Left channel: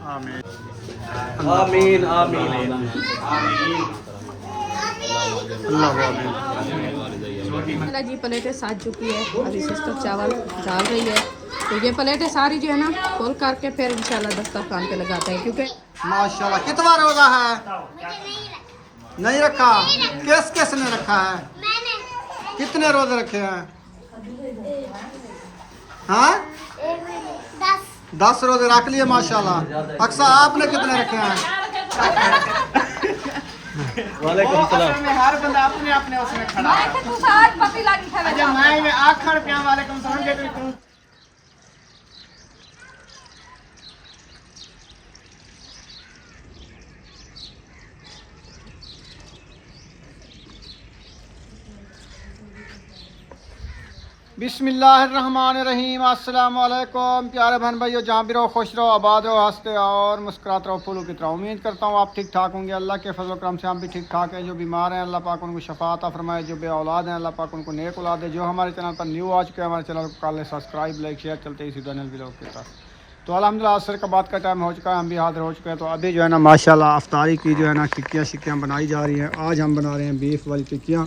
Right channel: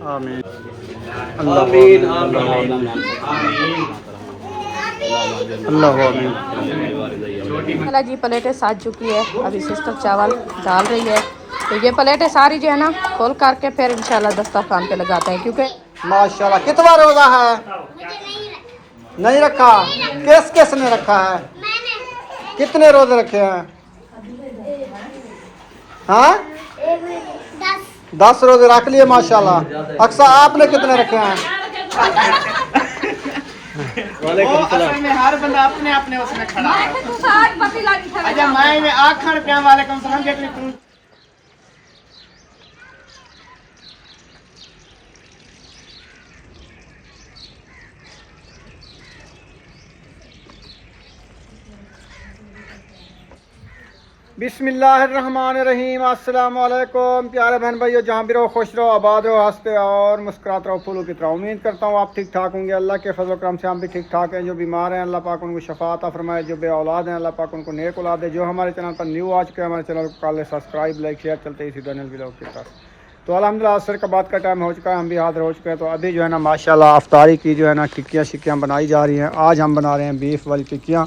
आमीन आमीन आमीन अल्लाह आमीन। चला जी प्लेटें साज चुकी है, अभी सिस्टर चावल डाल रही है। तो ये प्लेटें सारी जो है ना खोल करके फिर इंशाल्लाह दस्तरखान पे लगाते हैं, क्योंकि माशाल्लाह कितना रोजा है? नहीं रखा। किस ने रखा है? कितने रोजे रखे हैं? हाँ 10 रोजे रख लिए माशाल्लाह। अक्सा आपने कितने रखे हैं? में हर बंदा अपने अपने उसमें खड़ा है। अच्छा मैं आखिर पे वालेकुम सलाम जितनी तुम बिस्मिल्लाहिर्रहमानिर्रहीम। अस्सलाम वालेकुम प्यारे बहन भाइयों, जहाँ भी रहो खुश रहो, आबाद रहो, हंसते और मुस्कुराते रहो, फूलों की तरह। उम्मीद करता हूँ आप ठीक ठाक होंगे। अल्लाह के फजल करम से हम भी ठीक ठाक हैं। जो बीमार हैं अल्लाह पाक उनको शफा अता फरमाए, जो बे औलाद हैं अल्लाह पाक उनको नेक औलाद दे। जो हमारे चैनल पर न्यू आ चुके हैं हमारे चैनल को कर ले सब्सक्राइब, लाइक शेयर, चलते इसी चैनल वीडियो की तरफ। तो अल्हम्दुलिल्लाह असर का बात का टाइम हो चुका है, हम भी हाजिर हो चुके हैं। तो अभी जो है ना माशाल्लाह अफ्तारी की जो है ना टिक्कियाँ शिक्कियाँ बनाई जा रही हैं। आज हम बना रहे हैं बीफ वाली टिक्कियाँ।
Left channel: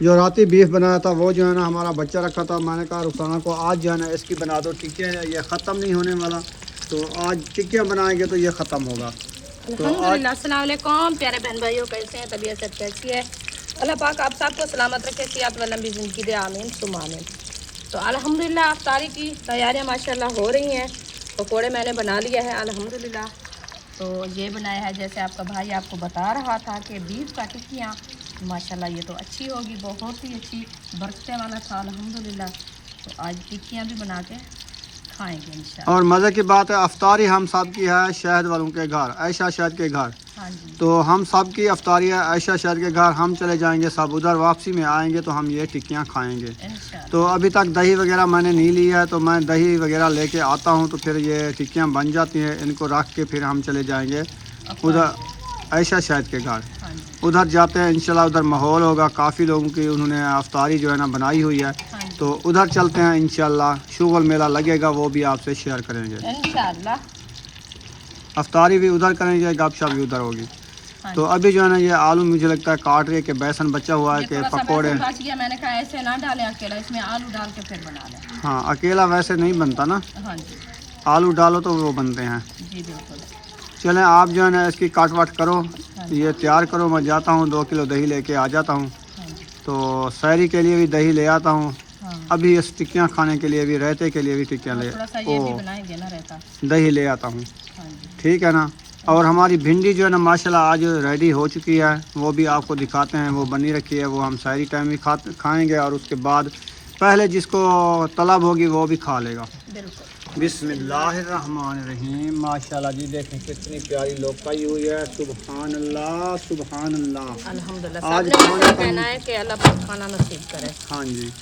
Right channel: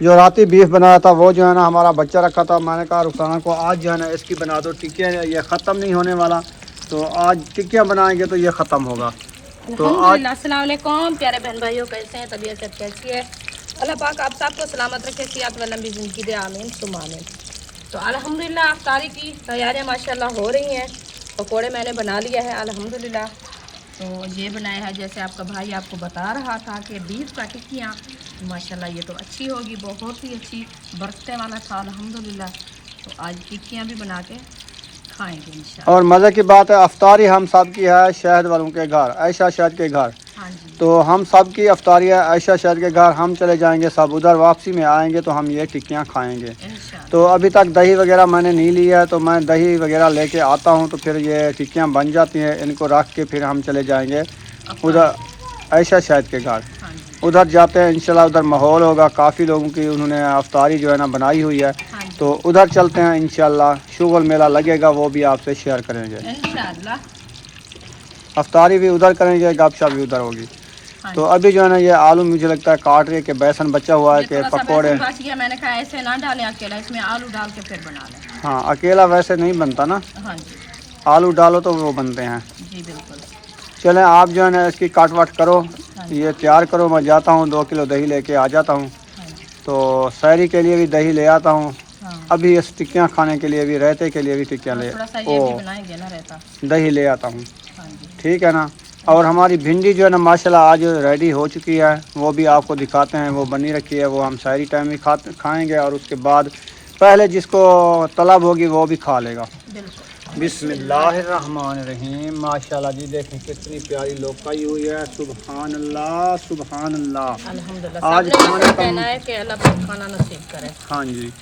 जो राती बीफ बनाया था वो जो है ना हमारा बच्चा रखा था, मैंने कहा रुखसाना को आज जो है ना इसकी बना दो टिक्कियाँ, ये ख़त्म नहीं होने वाला। तो आज टिक्कियाँ बनाएंगे तो ये ख़त्म होगा। तो अल्हम्दुलिल्लाह। अस्सलाम वालेकुम प्यारे बहन भाइयों, कैसे हैं? तबीयत सब कैसी है? अल्लाह पाक आप सबको सलामत रखे, सेहत व लंबी ज़िंदगी दे, आमीन सुम आमीन। तो अल्हम्दुलिल्लाह अफ्तारी की तैयारियां माशाल्लाह हो रही हैं। पकोड़े मैंने बना लिया है अल्हम्दुलिल्लाह। तो ये बनाया है जैसे आपका भाई आपको बता रहा था कि बीफ का टिक्कियाँ माशाल्लाह ये तो अच्छी होगी, बहुत ही अच्छी, बरकते वाला था अल्हम्दुलिल्लाह। तो आज टिक्कियाँ भी बना के खाएँगे इंशाल्लाह। और मज़े की बात है अफ्तारी हम सब की है शहद वालों के घर, ऐशा शहद के घर। हाँ जी। तो हम सब की अफ्तारी है ऐशा शहद के घर। हम चले जाएंगे सब उधर, वापसी में आएंगे तो हम ये टिक्कियाँ खाएँगे। तो अभी तक दही वगैरह मैंने नहीं लिया है, तो मैं दही वगैरह लेके आता हूँ तो फिर ये टिक्कियाँ बन जाती हैं। इनको रख के फिर हम चले जाएंगे उधर ऐशा शहद के घर। उधर जाते हैं इंशाल्लाह, उधर माहौल होगा, काफ़ी लोगों की उन्होंने अफ्तारी जो है ना बनाई हुई है। तो उधर चलते हैं इंशाल्लाह, शुगल मेला लगेगा वो भी आपसे शेयर करेंगे इंशाल्लाह। अफ्तारी भी उधर करेंगे, गपशप भी उधर होगी। तो अभी जो है ना ये आलू मुझे लगता है काट रहे कि बेसन बचा हुआ है कि पकौड़े। मैंने कहा ऐसे ना डालें अकेला, इसमें आलू डाल के फिर बना लें। हाँ अकेला वैसे नहीं बनता ना, हाँ जी आलू डालो तो वो बनते हैं। जी बिल्कुल। चलें आप जो है ना इसकी काट वाट करो, ये तैयार करो। मैं जाता हूँ 2 किलो दही लेके आ जाता हूँ। तो सहरी के लिए भी दही ले आता हूँ। अभी इस टिक्कियाँ खाने के लिए भी, रायते के लिए भी टिक्कियाँ ले दही ले आता हूँ। ठीक है ना। और हमारी भिंडी जो है ना माशाल्लाह आज रेडी हो चुकी है, वो भी आपको दिखाते हैं। वो बनी रखी है, वो हम सहरी टाइम में खाएँगे और उसके बाद पहले जिसको तलब होगी वो भी खा लेगा। बिस्मिल्लाहिर्रहमानिर्रहीम। माशाल्लाह जी देखें कितनी प्यारी लौकाई हुई है। सुभान अल्लाह सुभान अल्लाह। अल्हम्दुलिल्लाह। आज कहना है कि अल्लाह पाक खाना नसीब करे। हाँ जी।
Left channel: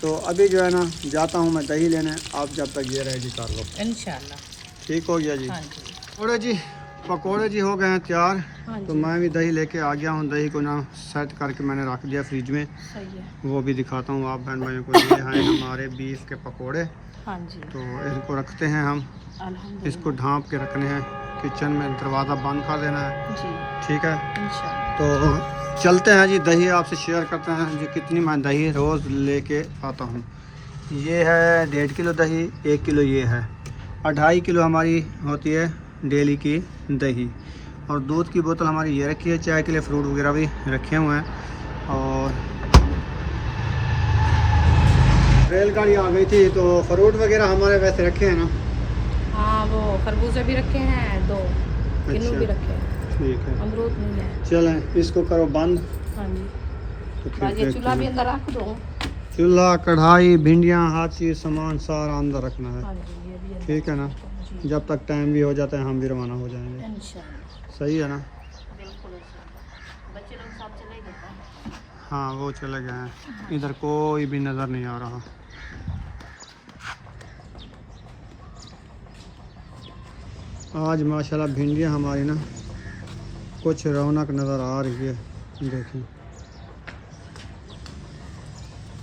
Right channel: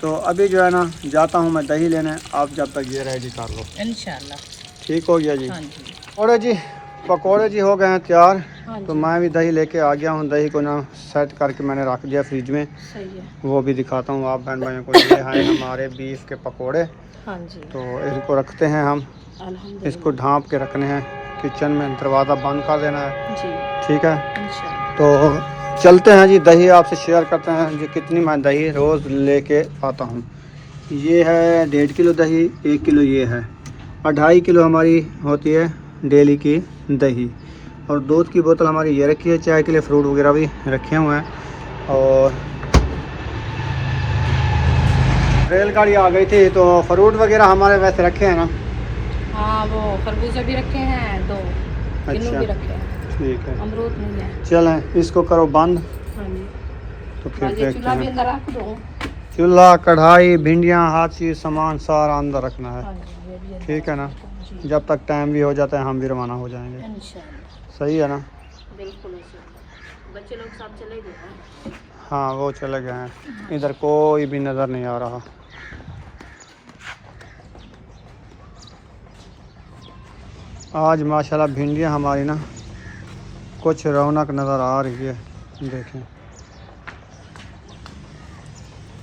तो अभी जो है ना जाता हूँ मैं दही लेने, आप जब तक ये रेडी कर लो इंशाल्लाह। ठीक हो गया जी। हाँ जी। और जी पकोड़े जी हो गए हैं तैयार। हाँ तो मैं भी दही लेके आ गया हूँ। दही को ना सेट करके मैंने रख दिया फ्रिज में। सही है। वो भी दिखाता हूँ आप बहन भाइयों को। ये हैं हमारे बीफ के पकोड़े। हाँ जी। तो इनको रखते हैं हम, इसको ढाँप के रखने हैं किचन में, दरवाज़ा बंद कर देना है जी। ठीक है। इंशाल्लाह। तो चलते हैं जी, दही आपसे शेयर करते हैं जी कितनी मैं दही रोज़ लेके आता हूँ। ये है 1.5 किलो दही, 1 किलो ये है, 2.5 किलो हमारी होती है डेली की दही। और दूध की बोतल हमारी ये रखी है, चाय के लिए फ्रूट वगैरह भी रखे हुए हैं। और रेलगाड़ी आ गई थी तो फ्रूट वगैरह हमारे वैसे रखे हैं ना। हाँ वो खरबूजे भी रखे हैं, 2 किलो भी रखे हैं। ठीक है अमरूद नहीं है। चलें इसको करो बंद। हाँ जी। तो फिर चूल्हा भी अंदर रख दो। चूल्हा कढ़ाई भिंडियाँ हर चीज़ सामान सारा अंदर रखना है। हाँ जी, ये भी अंदर ठीक है ना। जी। जब तक टाइम भी हो जाता है हम भी रवाना हो जाएंगे। इंशाल्लाह। सही है ना। बिल्कुल बच्चे लोग सब चले गए हैं। हाँ वो चले गए हैं, इधर कोई भी नज़र नहीं आ रहा। आज माशाल्लाह भिंडियाँ हमारी ना कुछ रौनक नज़र आ रही है। देखें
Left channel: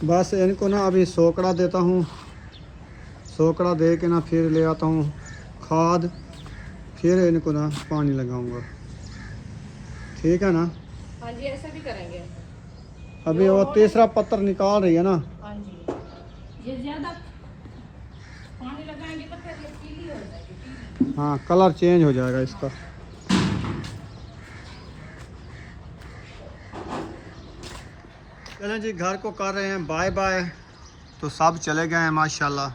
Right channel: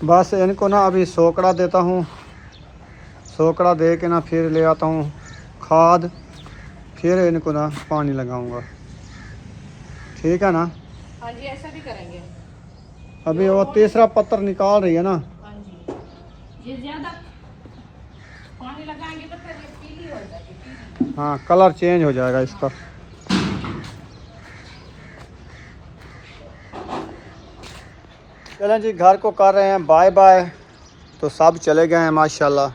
बस इनको ना अभी सोकड़ा देता हूँ, सोकड़ा दे के ना फिर ले आता हूँ खाद। फिर इनको ना पानी लगाऊंगा, ठीक है ना। हाँ जी, ऐसा भी करेंगे। अभी वो तीसरा पत्थर निकाल रही है ना। हाँ जी, ये ज्यादा पानी लगाएंगे तो फिर ये पीली हो जाएगी। हाँ, कलर चेंज हो जाएगा इसका। चलें जी, घर को कर रहे हैं बाय बाय। तो सब चले गए हैं माशाल्लाह,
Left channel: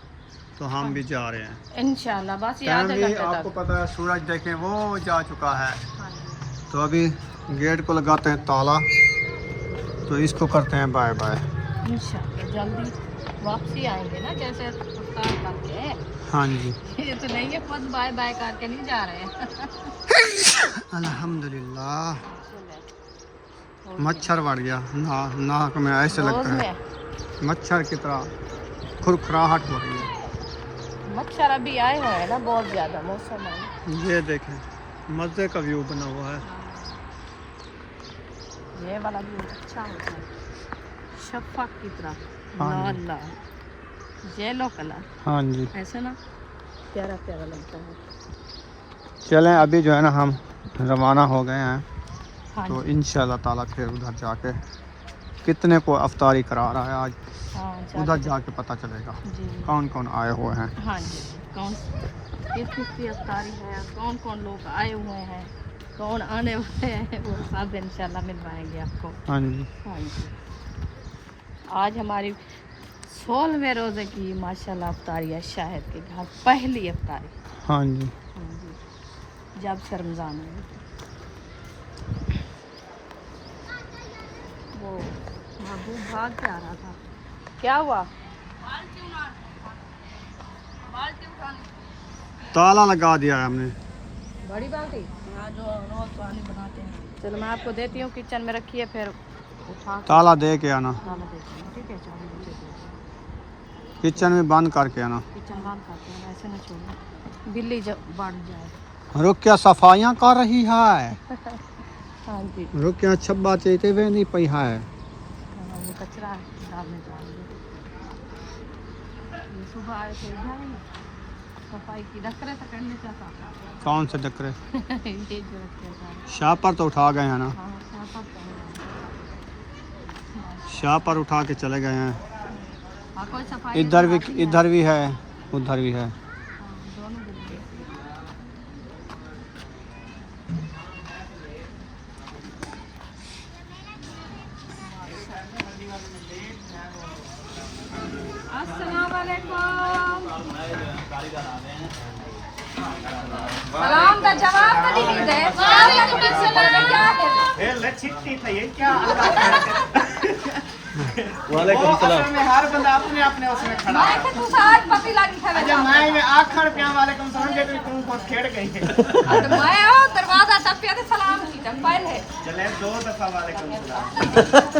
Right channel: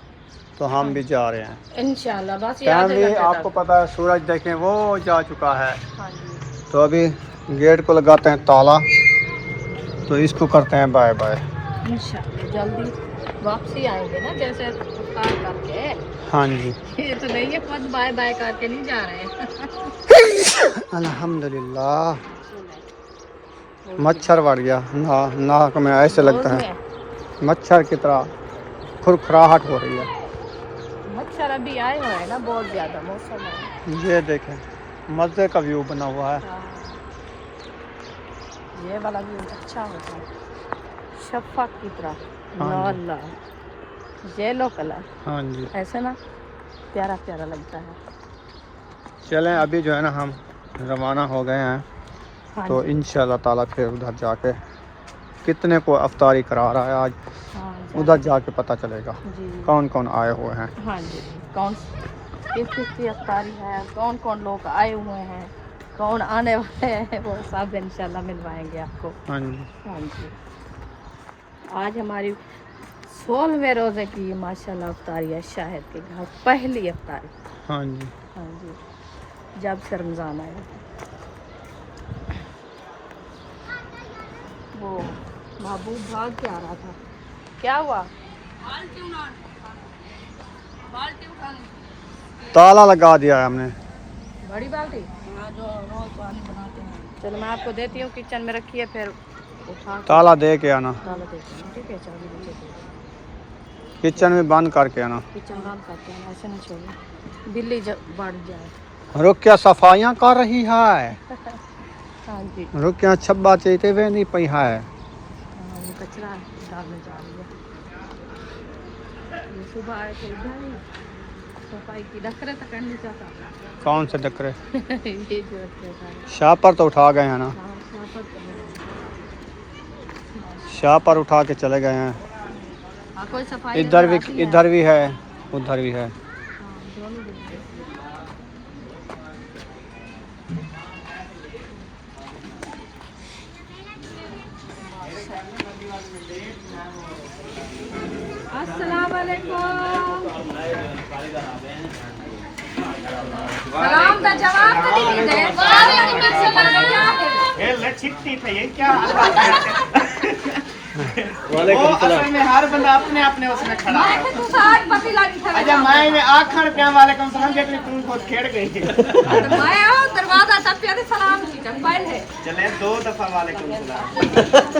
तो हम भी जा रहे हैं इंशाल्लाह। बस टाइम भी आपको पता है, सूरज देखें वो जा चुका है। तो अभी गेट को लगाते हैं ताला, तो इसको करते हैं बाय बाय। इंशाल्लाह जल्दी वापसी आएंगे ना, जैसे अफ्तार करके। हाँ जी, ये तो नहीं है, खुद बाय बाय करके नहीं जा रहे हैं। अल्हम्दुलिल्लाह। मच्छर बढ़ गया नाक में, ऐसे लगता है मच्छर की तरह खुरखराहट हो रही है। मच्छर अभी आए हुए हैं ना बहुत ज्यादा मौसम है। ये देखें, मज़े का व्यू बना हुआ है। हाँ। ये वाला भी अच्छा होता है, शफक की तरह, हाँ लाल लाल येलो कलर। हाँ जी, ऐसे ना प्यारा प्यारा लगता है। चलें अभी जो है ना हम रवाना हो गए हैं। हाँ तो जी। इंशाल्लाह ताला फिर उधर जाके कितने को अफ्तारी करा रहा है आज, हाँ उधर जाके पता चलेगा जी। कौन कौन आए हुए हैं। हाँ जी, कौन किस की अफ्तारी है, कौन कौन लोग आए हुए हैं, कौन आने वाले हैं, वो सब इंशाल्लाह मिलवाएंगे आपको। हाँ जी, हाँ जी। आज हमारी 16वें रोज़े की माशाल्लाह अफ्तारी है, शायद के घर पहली अफ्तारी। हाँ जी। हाँ जी, जब से रमज़ान आया। वो महबूब भाग के आ रहा था, क्या हुआ? ताला लगा दिया है हमने। बड़ी बाल्टी? हाँ, जो रोज पानी बनाते हैं। चलो मैं आपको देती हूँ, किचन में रखिए, फिर उठा ताला दे के आना, ताला देते हैं। ठीक है, चाबी नीचे दे दें। किचन में बंद करके आना। किचन बंद करते हैं, ऐसे ना छोड़ो, बिल्ली बढ़ जाए। रुकिया सफाइयाँ कर रही है। हाँ जी। रुकिया छब्बा चेते हुए नहीं पई है। हाँ, ये कचरा डालने जा रही है। ये सुबह आए थे इधर ही सफाई की, डकरे तो करने चाहता था। कौन से डकरे? ये जो रखे हैं सारे। शाह पर तो उठा गए हैं ना, हाँ, शाह पर शाह पर उठा के चले गए हैं। हाँ, कोई सफाई इधर नजर आती भी, है? इधर भी है, उधर भी है। हाँ, दोनों दिन में। अस्सलाम वालेकुम। सलाम का जवाब नहीं दे। वालेकुम सलाम। छिट्टी था ये क्या? वो असल में हर बंदा अपने अपने उसमें खड़ा है। अच्छा मैं आखिर क्या वालेकुम सलाम जब तुम खुद खेड़ गई। दरवाजा टपिया दे सलाम की पहले। चले 2 दफा वालेकुम सलाम।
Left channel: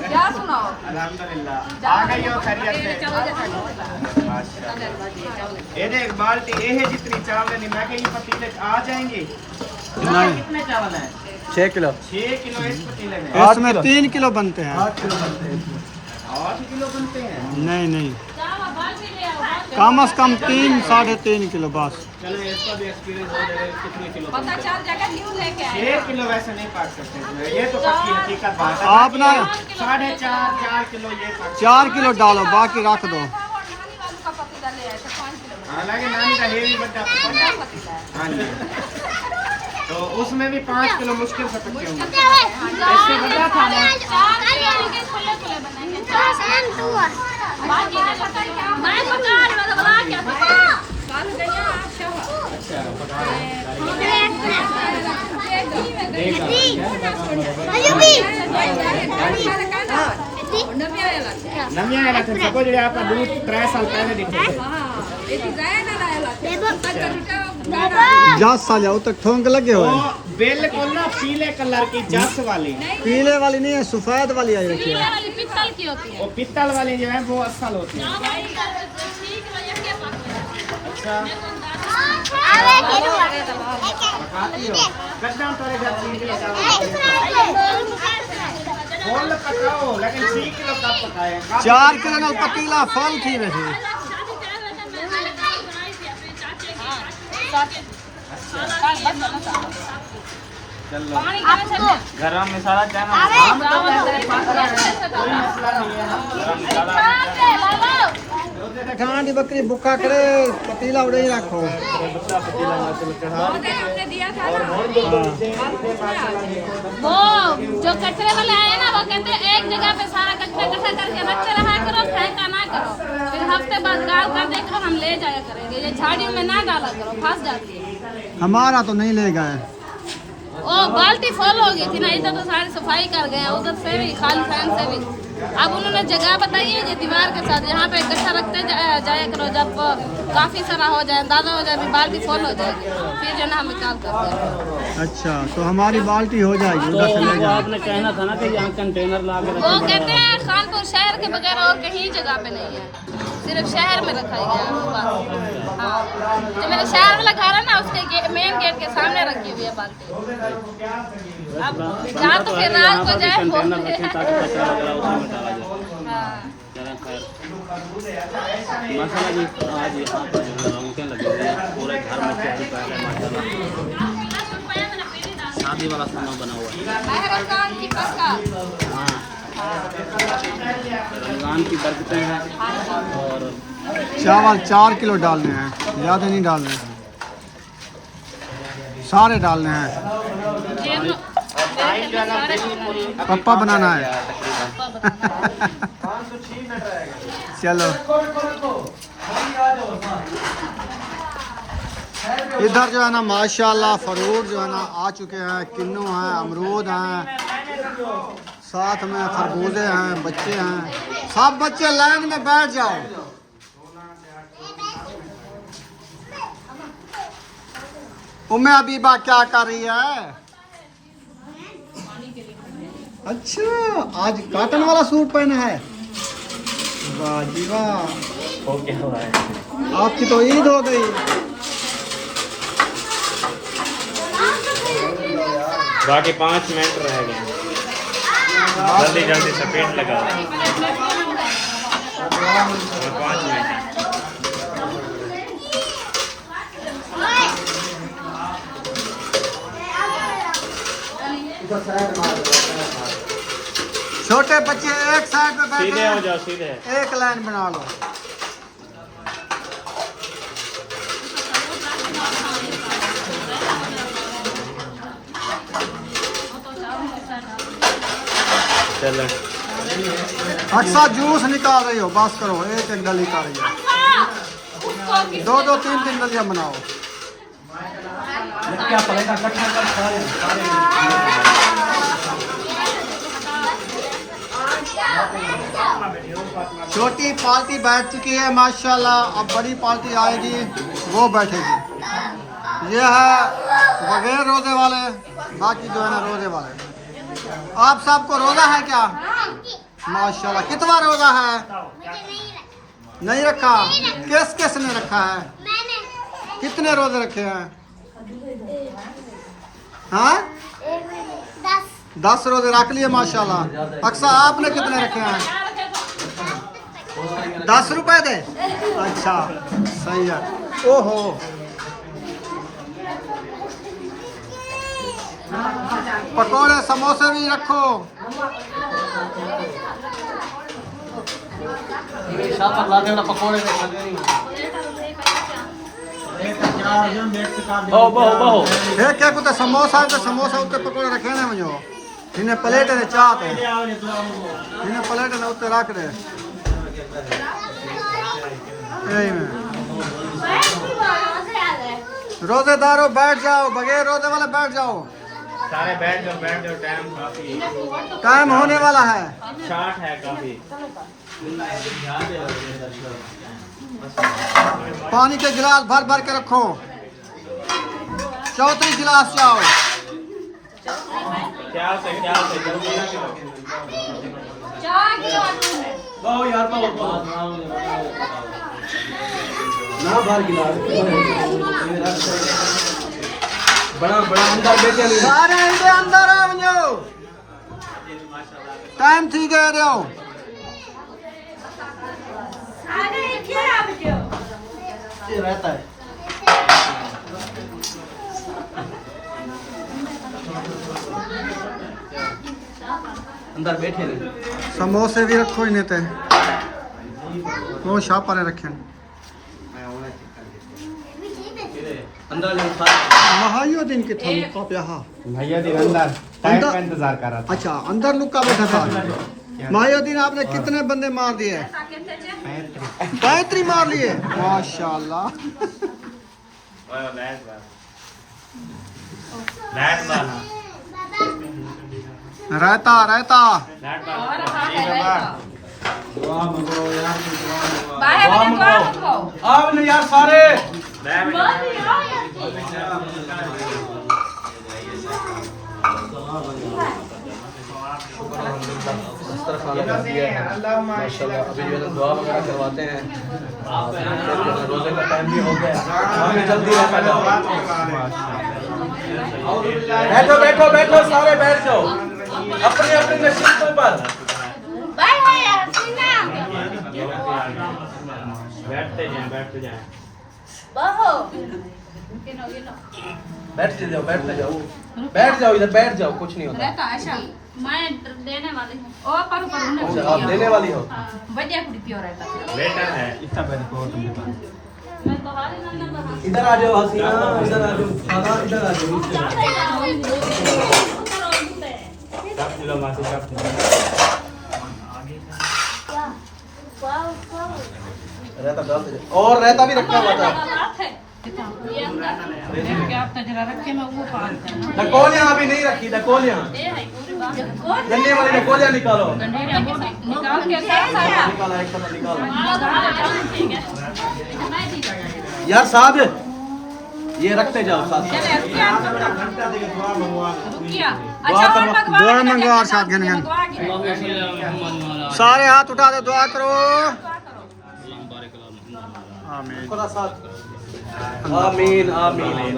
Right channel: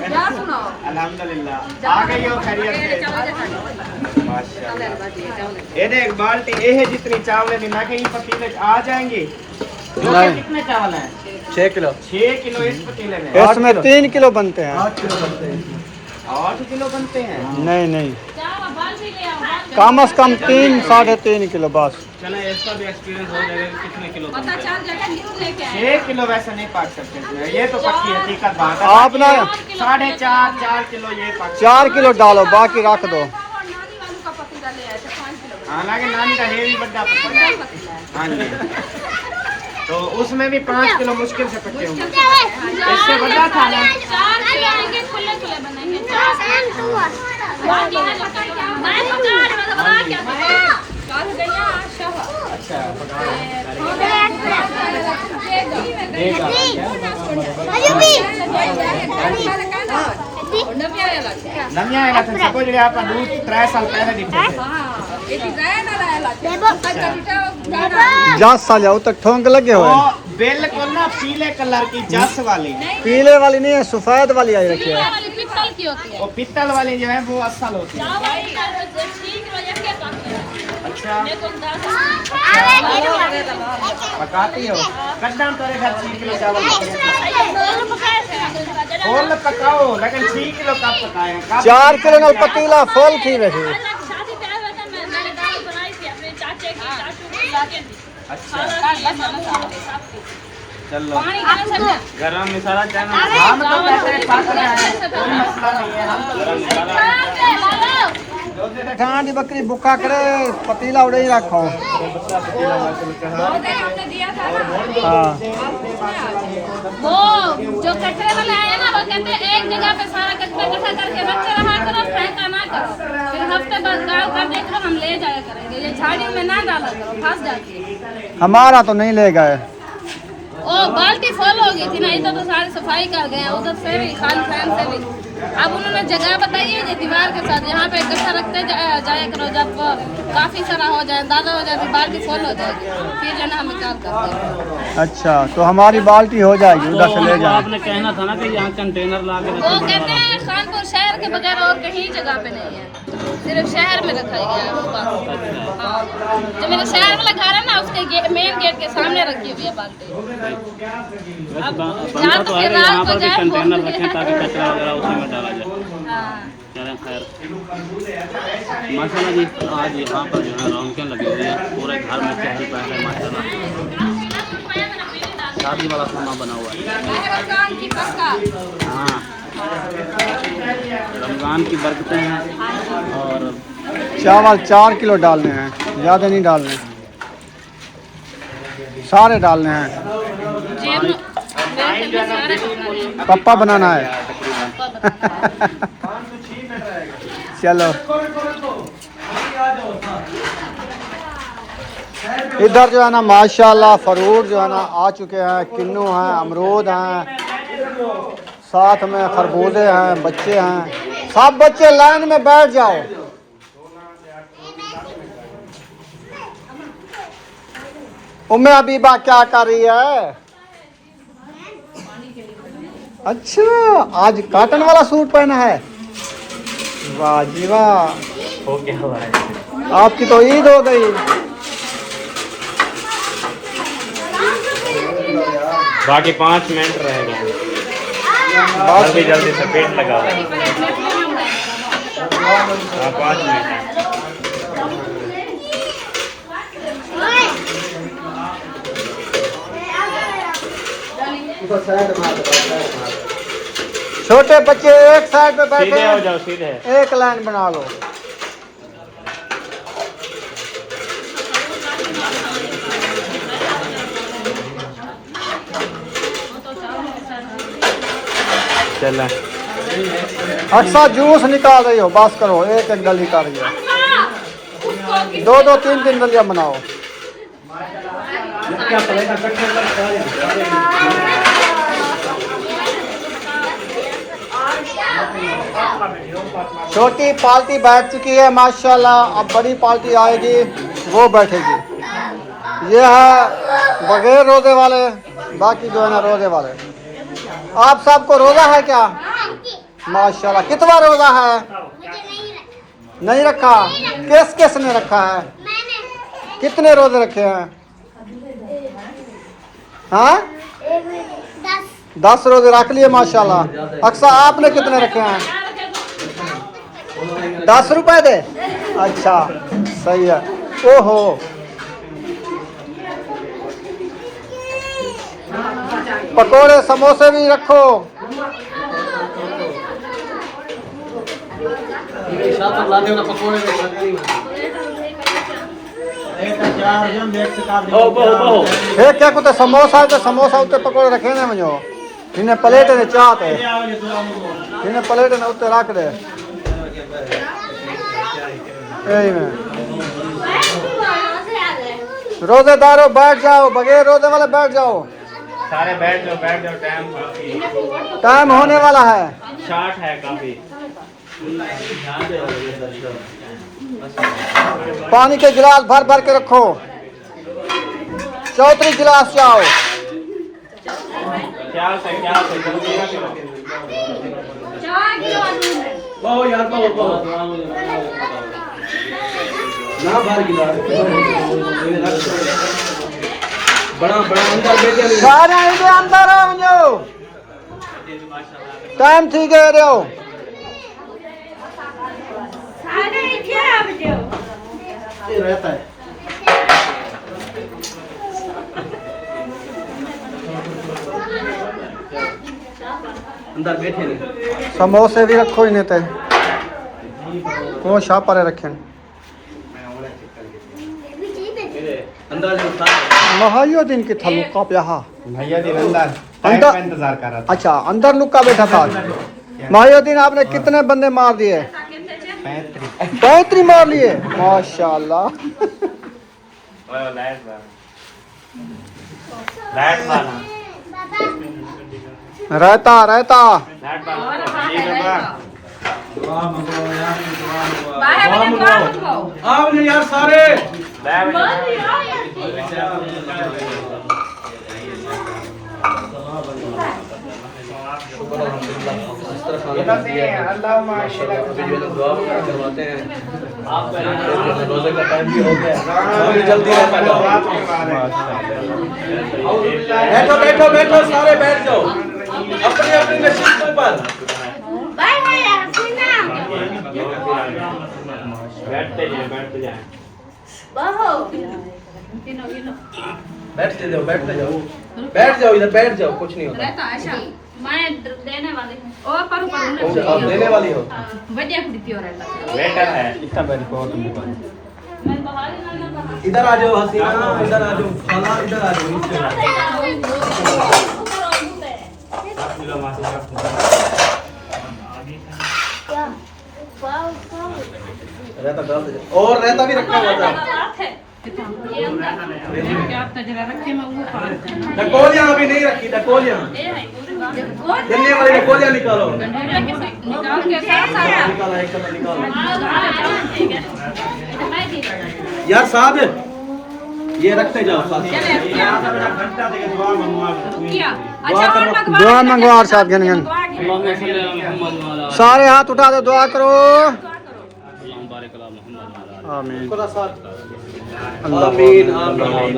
क्या सुनाओ? अल्हम्दुलिल्लाह आ गई हो खैरियत से? माशाल्लाह। ये देख बाल्टी ये है जितनी चावल नहीं, मैं कहीं पतीले आ जाएंगे। कितने चावल हैं? 6 किलो। 6 किलो इस पतीले में। इसमें 3 किलो बनते हैं। 8 किलो बनते हैं। नहीं नहीं, कम से कम 3 साढ़े 3 किलो बस। चले इसका भी एक्सपीरियंस हो जाएगा कितने किलो। पता चल जाएगा, न्यू लेके आए। 6 किलो वैसे नहीं पाक सकते इसमें, ये तो पक्की हकीकत बात है। आप ना 4.5 किलो ये पाक। 4 किलो डालो, बाकी रख दो। नानी वालों का पतीला ले आए थे 5 किलो। हालांकि नानी का हेवी बड़ा पतीला है। पतीला है। हाँ जी, तो उसमें भी 5 किलो मुश्किल से पक्के होंगे। इससे बड़ा था ना। 4 किलो खुले खुले बनेंगे। मैं पका रही वाला बना क्या था? काल गया शवा। अच्छा नमिया आएगा तो सबको जो आप दूध 3 साल पहले दिखे थे। 10 साल जाओ तक ठोंक लगे हुए हैं। तो बिल्कुल ना पीले कलर की जस वाली, पीले वाली नहीं है, सफेद वाली आई रखी है। पित्तल की होती है। वो पित्तल वाली जो है वो असल होती है। अच्छा पकाती हो? कद्दाम तारे घर 6 किलो चावल फुल पकाओ, लेकिन 6 किलो का पकाएगा। 4 किलो नाल पतीला फुल थी वैसे। अच्छा बस मसाला चलो पानी गरम कर ले गरम मसाला चाहना कोई मसला नहीं है गरम मसाला ठांडी बकरी बुक्का करे पतीला उड़े ही रखो। हमने दिया था ना हाँ। वो जो कचरे वाले आए ना वो कहते हैं एक जगह पे सारा कचरा इकट्ठा करके रखते रहा करो, फेंका ना करो, फिर हफ्ते बाद गाँव कर देखो हम ले जाया करेंगे, ये झाड़ी में ना डाला करो फंस जाती है। हमारा तो नहीं ले गए। ओ बाल्टी फुल हो गई थी ना, इधर तो सारी सफाई कर गए, उधर से भी खाली फैन से भी। अब उन्होंने जगह बताई है ये दीवार के साथ, यहाँ पे इकट्ठा रखते जाया करो, जब काफी सारा हो जाए ज्यादा हो जाए बाल्टी फुल हो जाएगी, फिर जो ना हम निकाल करते हैं। अच्छा तो हमारी बाल्टी हो जाएगी, उधर से ले जाए। आपने कहना था ना कि यहाँ कंटेनर ला के वो कहते हैं खानपुर शहर के बगैर और कहीं जगह पे नहीं है, सिर्फ शहर में रखा गया है वो बस। हाँ जो मेरे शहर वाला घर है ना उसके मेन गेट के सामने रखी हुई है बाल्टी। अब जहाँ तो किराए को जाए कंटेनर रखें ताकि कचरा वगैरह उसी में डाला जाए। हाँ माशाल्लाह जी आज यहाँ पर जो है रौनकें लगी हुई है, पूरे घर में चहल पहल है माशाल्लाह। शादी वाला खाना बना हुआ है। रमजान की पक्का। हाँ रमजान की बरकतें हैं। और चावल 4 किलो डालने हैं, ज़्यादा नहीं डालने, सारे डालने हैं। जेब में मेरे घर में सारे बनाने हैं। पप्पा बनाना है। चलो इधर जो है ना माशाल्लाह फ्रूट जो है ना आ चुके हैं, किन्नू हैं, अमरूद हैं, साथ में खरबूजे हैं, बच्चे हैं, सब बच्चे लाइन में बैठ जाओ। उम्मे हबीबा क्या कर रही है? अच्छा आज कॉटन वाला सूट पहना है, वाह जी वाह, आपकी तो ईद हो गई। बाकी 5 मिनट रहेगा, जल्दी जल्दी से पेट लगा। छोटे बच्चे एक साइड पे बैठे सीधे हो हैं, जाओ सीधे। एक लाइन बना लो। चला अच्छा जूस निकाल रही हो, बस करो, एक एक डली कर रही है, 2-2 3-3 डलियां बनाओ। छोटी पार्टी बैठ चुकी है माशाल्लाह, अब बड़ी पार्टी आएगी वो बैठेगी। ये है बगैर रोजे वाले, बाकी जो है ना रोजे वाले। आप सबको रोजा है क्या? माशाल्लाह कितना रोजा है? नहीं रखा? किस किस ने रखा है? कितने रोजे रखे हैं? हाँ 10 रोजे रख लिए माशाल्लाह। अक्सर आपने कितने रखे हैं? 10 रुपए दे, अच्छा सही है। ओहो पकोड़े समोसे भी रखो। ये क्या कुछ समोसा तो समोसा उत्ते पकोड़े रखे ने मुझे, इन्हें प्लेट ने चाहते, इन्हें प्लेट ने उत्ते रख दे। यही में रोजेदारों बैठ जाओ, बगैर रोजे वाले बैठ जाओ, सारे बैठ जाओ टाइम होने वाला है। शार्ट है काफी। पानी के गिलास भर भर के रखो, चौथी गिलास लाओ। यार ना बाहर गिलास बड़ा बड़ा अंदर बैठे नहीं। सारे इधर अंदर आओ, टाइम ठीक है रहो। ये रहता है अंदर बैठे ने समोसे भी रखो इन्हें ते वो शाह पर रखें अंदर जो महायो दिन की थलू का प्याहा भैया जी अंदर अंदर का इंतजार कर रहा था। अच्छा अंदर लुका बैठा था महायुद्दीन आपने कितने बंदे मार दिए 35 मार लिए माशाल्लाह रहता रहता आप ने यार सारे करवाते हैं रोजे का टाइम भी हो गया जल्दी बैठो बैठो बैठो सारे बैठ जाओ अपने अपने सीटों पर बैठते जाए बैठते जाओ बैठते जाओ बैठ जाओ इधर बैठ जाओ कुछ नहीं होता मैं देने वाली हूँ ओ पर आप देने वाली हो बढ़िया कुड़ी प्योर रहता बेटा है इतना मेरे को मैं तो हाल नंबर इधर आ जाओ हसीना इधर आ जाओ खाना इधर आ जाओ रहता डाल दे और रहता भी रखना होता है डकोलियां अभी नहीं रखी डकोलियां गन्ने वाली डकोलियां निकालो यार साथ ये रखते जाओ साथ दुआ मंगवा और साथ गन गन सारे हाथ उठा दो दुआ करो आमीन आमीन आमीन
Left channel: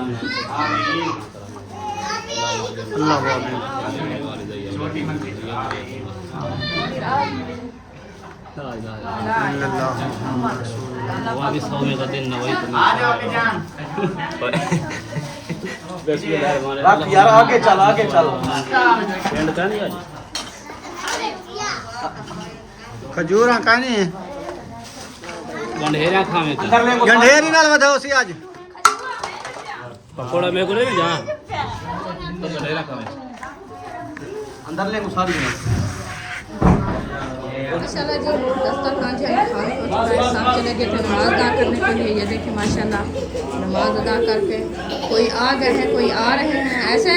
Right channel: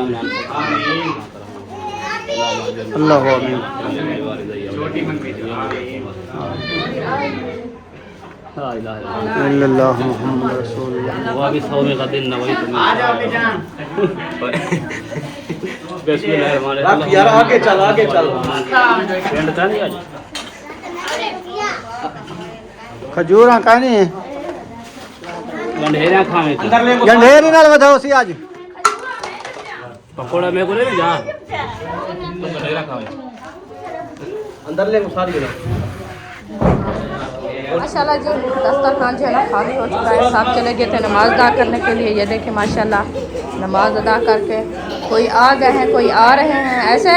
अल्लाह आमीन छोटी मंगी अल्लाह मुहम्मद रसूलुल्लाह दुआ भी 100 में का दिन नवाई तो आ जाओ बेजान रख यार आगे चल खजूरा कहनी गंढेरा खावे तो अंदर ले गंढेरी नाल बताओ सी आज पकोड़ा में को ले जा अंदर ले सारी माशाल्लाह जी दस्तरखान जो है ना खाली हो चुका है। साहब चले गए थे नमाज अदा करने के लिए। ये देखें माशाल्लाह नमाज अदा करके कोई आ गए हैं कोई आ रहे हैं ऐसे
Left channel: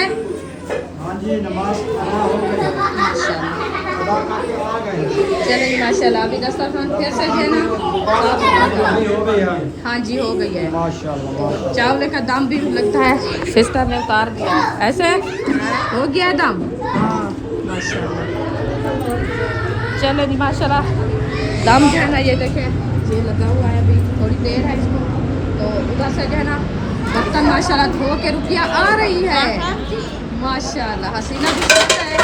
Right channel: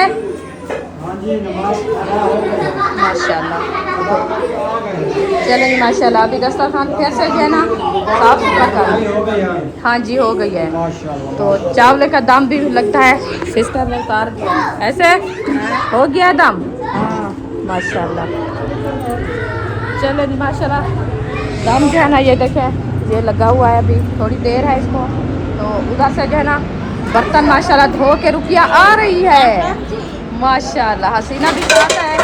माशाल्लाह। चलें माशाल्लाह अभी दस्तरखान फिर से जो है ना साफ सुथरा कर हाँ जी हो गई है। तो चावल का दम भी लगता है सिस्टर ने उतार दिया ऐसे हो गया दम हाँ माशाल्लाह। चलो जी माशाल्लाह दम जो है ना ये देखें ये लगा हुआ है अभी थोड़ी देर है इसको। तो उधर से जो है ना बर्तन माशाल्लाह धो के रुकिया आ रही है माशाल्लाह। हसीना भी साथ है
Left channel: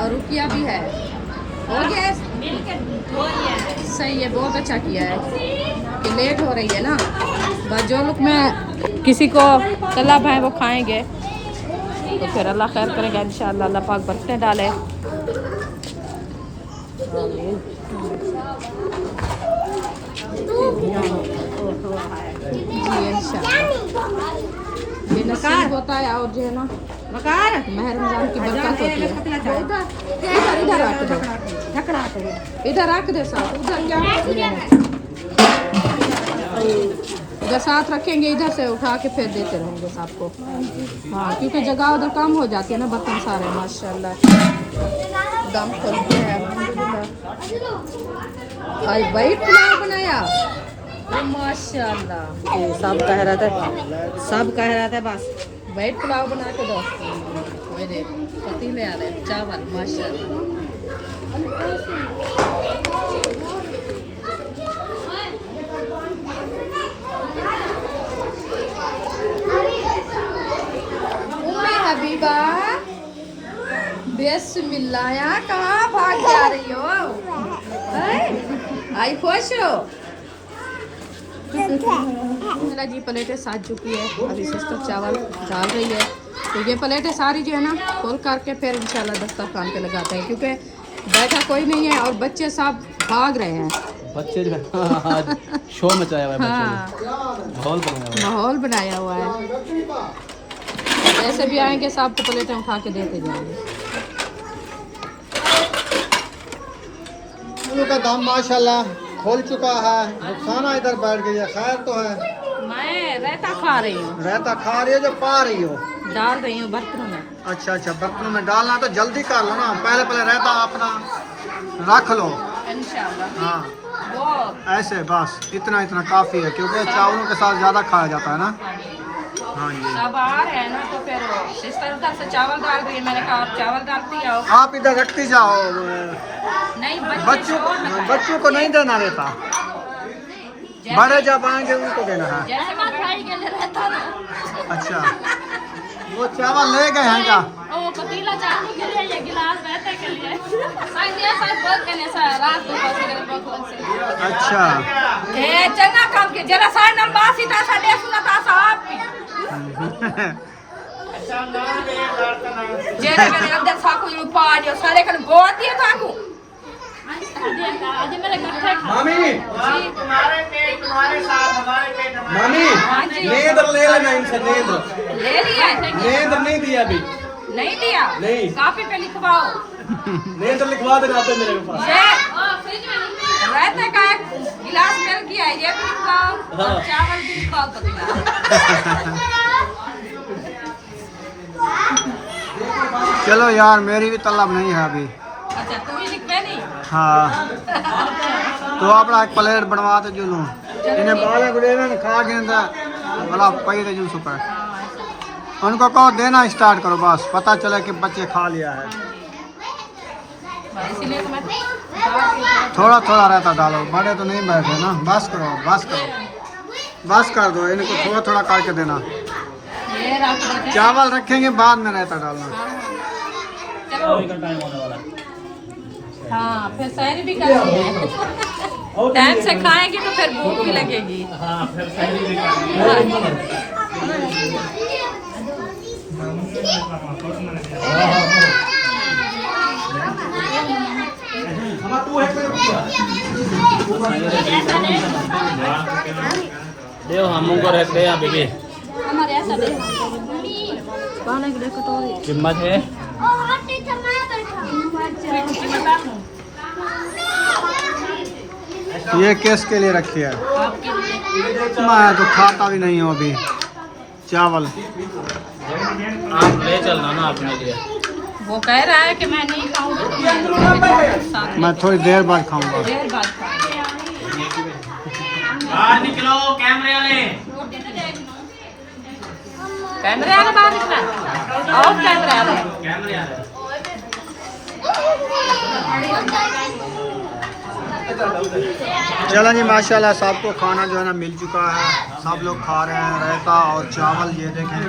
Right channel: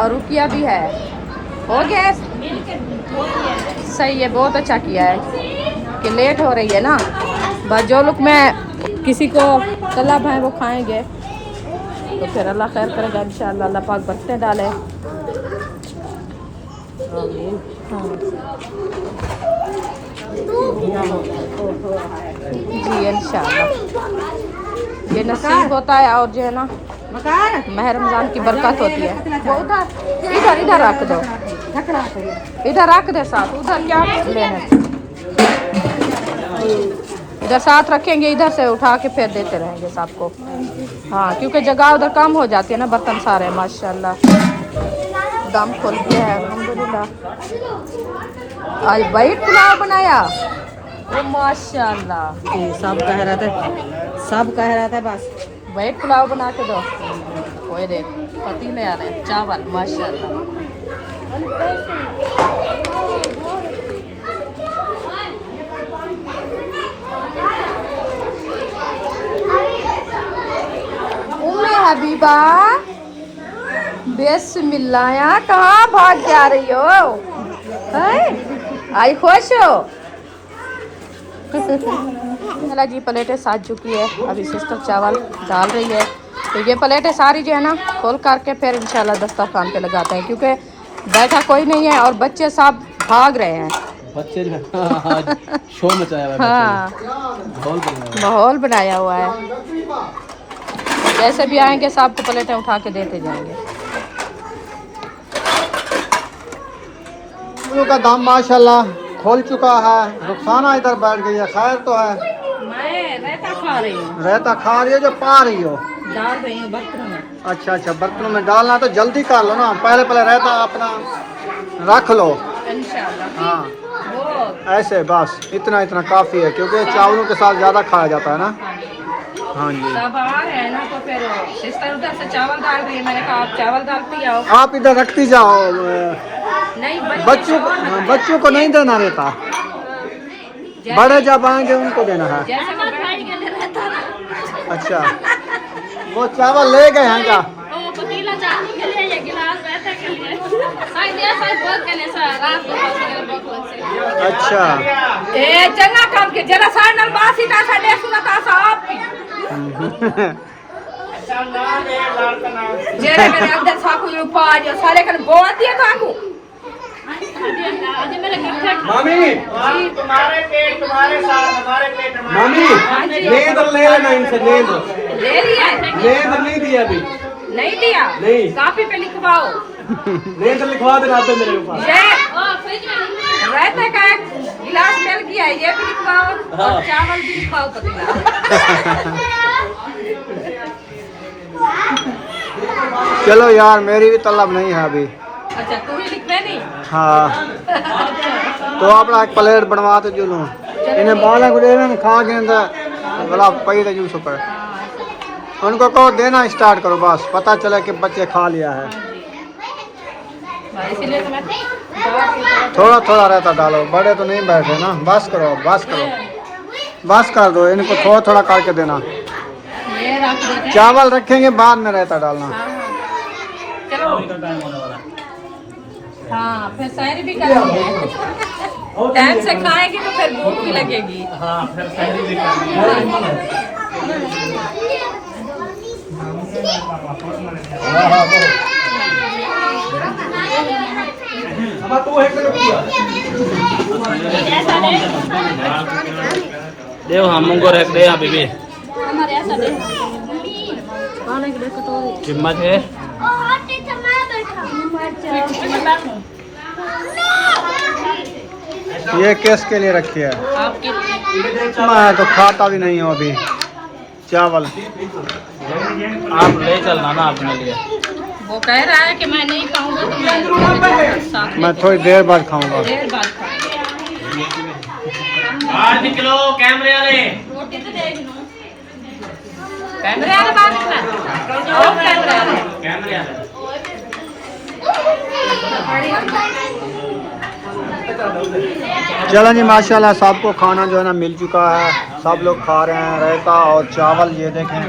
और रुकिया भी है। हो गया सही है बहुत अच्छा किया है कि लेट हो रही है ना बस जो लोग मैं किसी को तलब है वो खाएंगे तो फिर अल्लाह खैर करेगा इंशाअल्लाह। अल्लाह पाक बरकतें डाले। जी इंशाअल्लाह ये नसीब होता है और जो है ना मेहर रमजान की बरकत होती है। वो इधर इधर रख दो इधर रख दे साथ उधर क्या इधर साथ रखेंगे इधर से उठा के फिर देते रहेंगे सबको हाँ क्योंकि जगह उधर कम हो जाती है ना बर्तन सारे माशाल्लाह। दम खोल के है अल्हम्दुलिल्लाह। आज वाइट पुलाव बनाया माशाल्लाह। सब कह रहा था बस वाइट पुलाव बना के दो कोई दे पतीले आ रहे चावल माशाल्लाह। हबीबा बिस्मिल्लाह कहाँ भाग जा रही हो आई खुश हो चला जी प्लेटें साज चुकी है अभी सिस्टर चावल डाल रही है तो ये प्लेटें सारी जो है ना खोल करके फिर इंशाल्लाह दस्तरखान पे लगाते हैं, क्योंकि बैठा कोई नहीं है और बच्चे सब भाग रहे हैं। बच्चे जो है शो मचाया हुआ है हाँ, बच्चों ने। माहौल बनाया हुआ है। जैसे भी आएंगे सबको प्लेटें उठा के देते जाएंगे। आलू का दाम माशाल्लाह खोल चुका है। रुखसाना इधर बैठ गई है, खैर तो है। मैं रायता खा रही हूँ, रहता खा रही हो जो पा रही हो? डाल रही हूँ बर्तनों में। अच्छा अच्छा, बर्तनों में डालना तो जल्दी कर लो ना, पहले पहले रहता अपना रख लो। इंशाल्लाह हाँ वो ऐसे बस इतना इतना काफ़ी है, क्योंकि चावलों के साथ ज़्यादा खाया जाता है ना। हाँ जी, सब आ रहे हैं ना, तो फिर सिस्टर उधर से चावल डाल रही है। मैंने कहा आप चावल डालती आओ। आप इधर रखती जाओ। नहीं बच्चों को नहीं देना रहता, बड़े जब आएंगे उनको देना है। जैसे मैं फ्राई के लिए रहता ना। अच्छा, वो चावल ले गए हैं क्या? ओ पतीला चावल के लिए, ये गिलास रहते के लिए। साइड ये साइड बहुत करने से रात को पहुंच बहुत से। अच्छा ए चंगा काम के जरा साइड नल बासी ता साडे सुनता साहब की। जेरे मेरे अंदर साकू जो पा जो सारे कन बहुत दिया साकू। आदि मेरे कट्ठे मामी जी, तुम्हारे पेट तुम्हारे साथ, हमारे पेट हमारे मामी हाँ जी। नींद ले लेना इनसे, नींद ले लिया है? नींद नहीं दिया अभी, नहीं दिया? नहीं। काफी पे लिखवाओ। नींद लिखवा देना आपने मेरे पास। ये रहते का एक गिलास मिल गया है, ये भी लिखवाओ और चावल भी लिखवाओ पतीला। चलो यार, मेरी भी तलब नहीं है अभी। अच्छा तू ही लिखवे नहीं? हाँ तो अपना एक प्लेट बनवा तो जुलूं इन्हें बाला को देना खा के अंदर बोला पई थे जुलूस पर। उनको कहो देना स्टार्ट करो, बस पता चले कि बच्चे खा लिया है। इसीलिए तो मैं थोड़ा थोड़ा रहता डालो, बड़े तो नहीं बैठे ना। बस करो बस करो, बस कर दो, इनको थोड़ा थोड़ा करके देना। ये रख देते हैं। चावल रखेंगे बाद में रहता डालना। चलो हाँ, फिर सैर भी करेंगे। टाइम से खाएंगे तो फिर भूख भी लगेगी। देव हम को रख दे अभी भी कौन है देखो तो हिम्मत है। ये केस के लिए रखी है? आपके मैं तो खाता भी नहीं हूँ अभी चावल। आप ले चलना ना अपने लिए। वो कह रहा है कि मैं नहीं खाऊंगा तो मैं थोड़ी देर बाद खाऊंगा। देर बाद खाएंगे। बाहर निकलो कैमरे वाले। कैमरे वाले बाहर निकला है? और कैमरे वाले? कैमरे वाले चलो जी, माशाल्लाह सबको खाना जो है ना मिल चुका है, सब लोग खा रहे हैं। रायता और चावल ये देखें।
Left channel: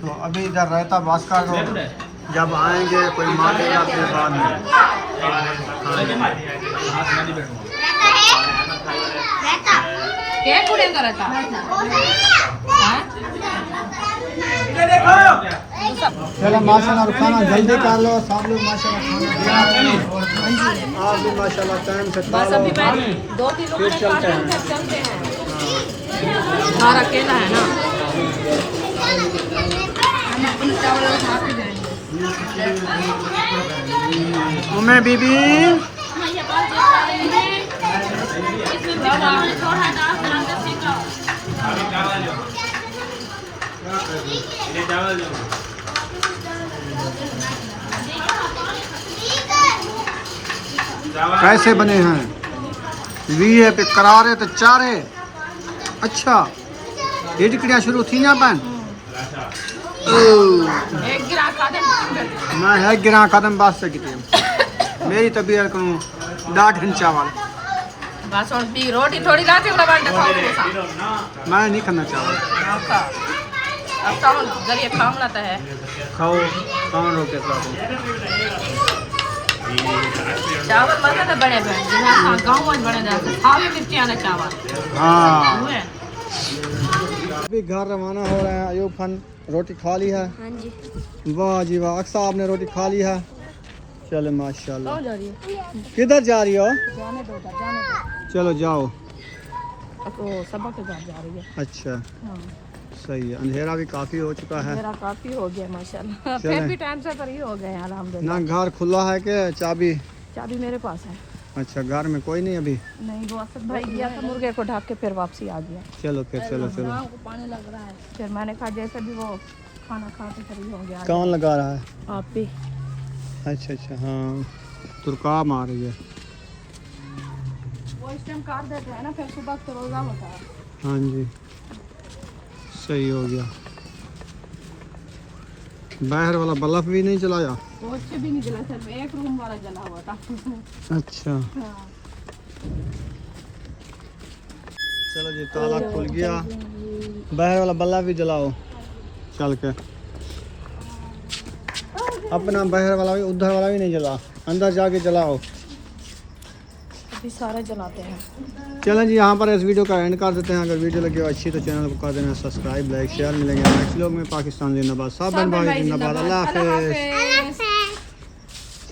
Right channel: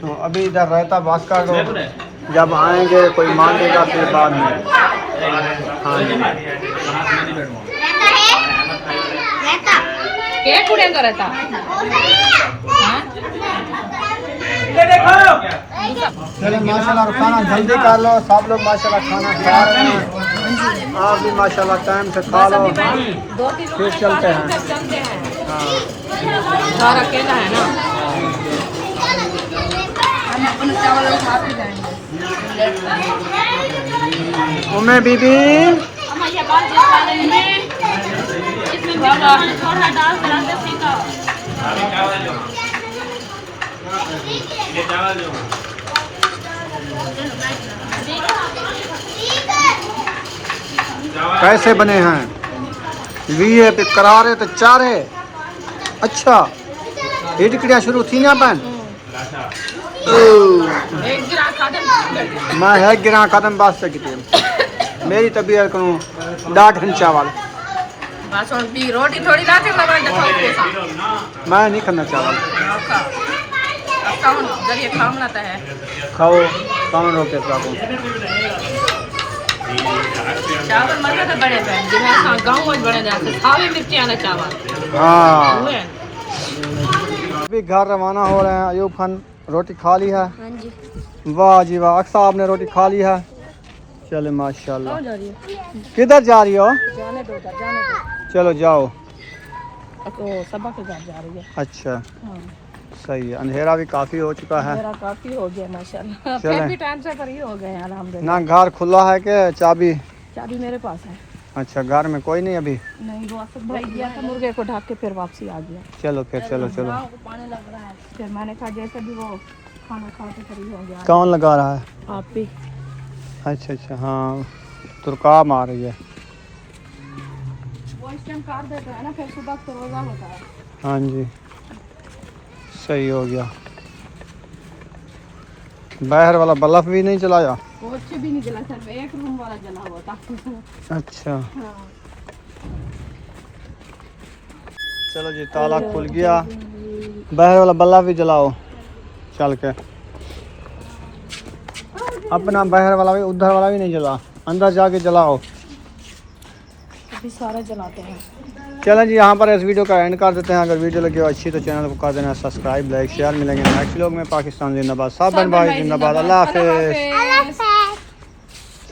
तो अभी इधर रायता बस कर दो, जब आएंगे कोई मांगेगा फिर बाद में। हाँ जी, क्या कुड़ेंगे रहता? हाँ? चलो माशाल्लाह खाना जल्दी कर लो, सब लोग माशाल्लाह खाना खा रहे हैं। आप भी माशाल्लाह टाइम से खा लो, फिर चलते हैं। घर अकेला है ना, हम अपना चावल उठा के जाएंगे। उम्मे बीबी कैसे बने हैं? वीए पे करारे तो चारे। अच्छा ये टिकड़ियाँ शुरू थी ना पन एक गिलास आधे मैं है गिरा कदम बात से किती मेरी तबीयत करूँ डाढ़न चावल। बस उनकी रोटी थोड़ी लाते लगा दे मैं नहीं खाना चावल। जरिए काम लाता है। खाओ कौन रोके खाओ। चावल मतलब तो बड़े गाँव में बड़े जाते खावे मिर्ची वाला चावल। हाँ भी घर रवाना हो रहे हैं। अयूब खान रोटी खा ली है? हाँ जी। वाह जी वाह, अक्सा आपने रोटी खा ली है? चले माशाल्लाह। जा रही है? किधर जा रही हो? जाने दो, जाने दो। चलो जाओ। सबा के घर जा रही है। अच्छा हाँ। सही है, अंधेरा भी काफ़ी हो चुका है। मेरा काफी हो गया माशाल्लाह। चलें। फिर भी टाइम से फ्री हो गए हैं अल्हम्दुलिल्लाह। ना घर खुला है कि चाबी? चाबी मेरे पास है। अच्छा, घर में कोई नहीं अभी? नहीं, वो असद भाई गया था मुर्गे को ढक के, फिर वापसी आ गया। चलो फिर, चलो चलो। फिर मैंने कहा जैसे भी वो खाना खा के फ्री हो गया। कौन लगा रहा है? आप भी। अच्छा अच्छा, हाँ तुरकाब आ रही है। वो इस टाइम काट देते हैं ना, फिर सुबह से रोजा होता है। हाँ जी, सही हो गया। बाहर वाला बल्ब भी नहीं चलाया? वो अच्छे भी नहीं जला, सिर्फ एक रूम वाला जला हुआ था। अच्छा हाँ। चलो जी, ताला खुल गया। बाहर वाला बल्ब भी जलाओ चल के। अपना बाहर वाला भी, उधर वाला भी नहीं जला, अंदर जाके जलाओ। अभी सारे जलाते हैं। चलें जी, यहाँ पर इस वीडियो का एंड कर देते हैं। अगर वीडियो लगी हो अच्छी तो चैनल को कर देना सब्सक्राइब, लाइक, शेयर। मिलेंगे नेक्स्ट व्लॉग में। पाकिस्तान जिंदाबाद, साहब भाई जिंदाबाद। अल्लाह हाफिज़।